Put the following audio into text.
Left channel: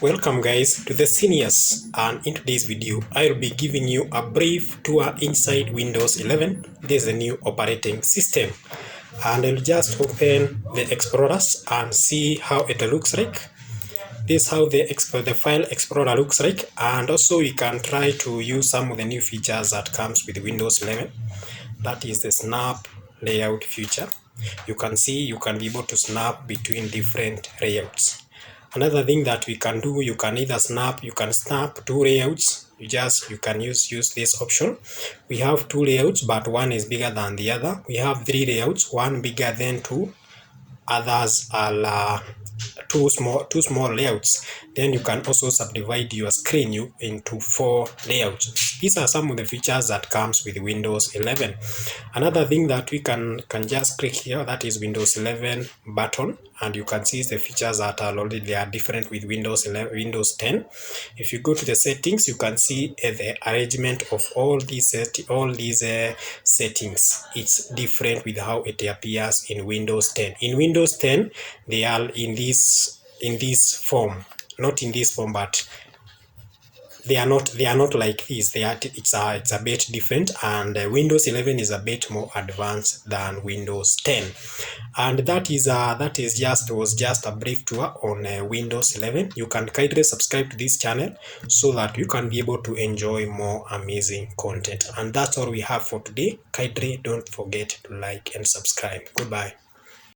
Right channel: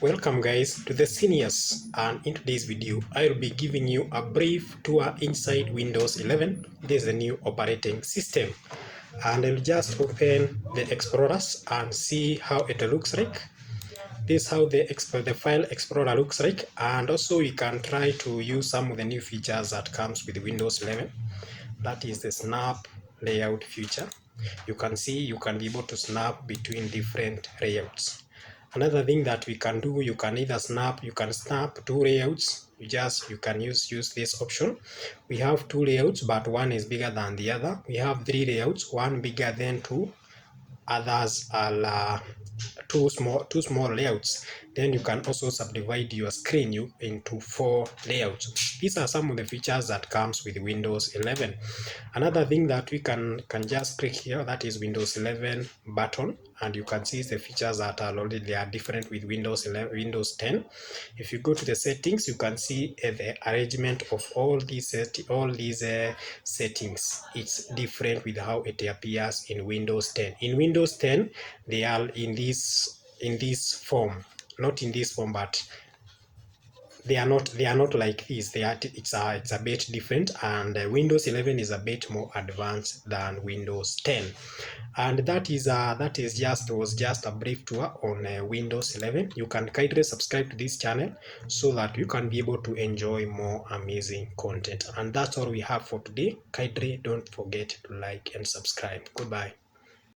Welcome guys to the seniors, and in today's video I'll be giving you a brief tour inside Windows 11. This is a new operating system, and I'll just open the Explorers and see how it looks like. This is how the file explorer looks like, and also we can try to use some of the new features that comes with Windows 11. That is the snap layout feature. You can see you can be able to snap between different layouts. Another thing that we can do, you can snap two layouts. You can use this option. We have two layouts, but one is bigger than the other. We have three layouts, one bigger than two, others are two small layouts. Then you can also subdivide your screen into 4 layouts. These are some of the features that comes with Windows 11. Another thing that we can just click here, that is Windows 11 button, and you can see the features that are already different with Windows 10. If you go to the settings, you can see the arrangement of all these settings. It's different with how it appears in Windows 10. In Windows 10, they are in this form, not in this form, but they are not like this. It's a bit different, and Windows 11 is a bit more advanced than Windows 10. And that was just a brief tour on Windows 11. You can kindly subscribe to this channel so that you can be able to enjoy more amazing content. And that's all we have for today. Kindly don't forget to like and subscribe. Goodbye.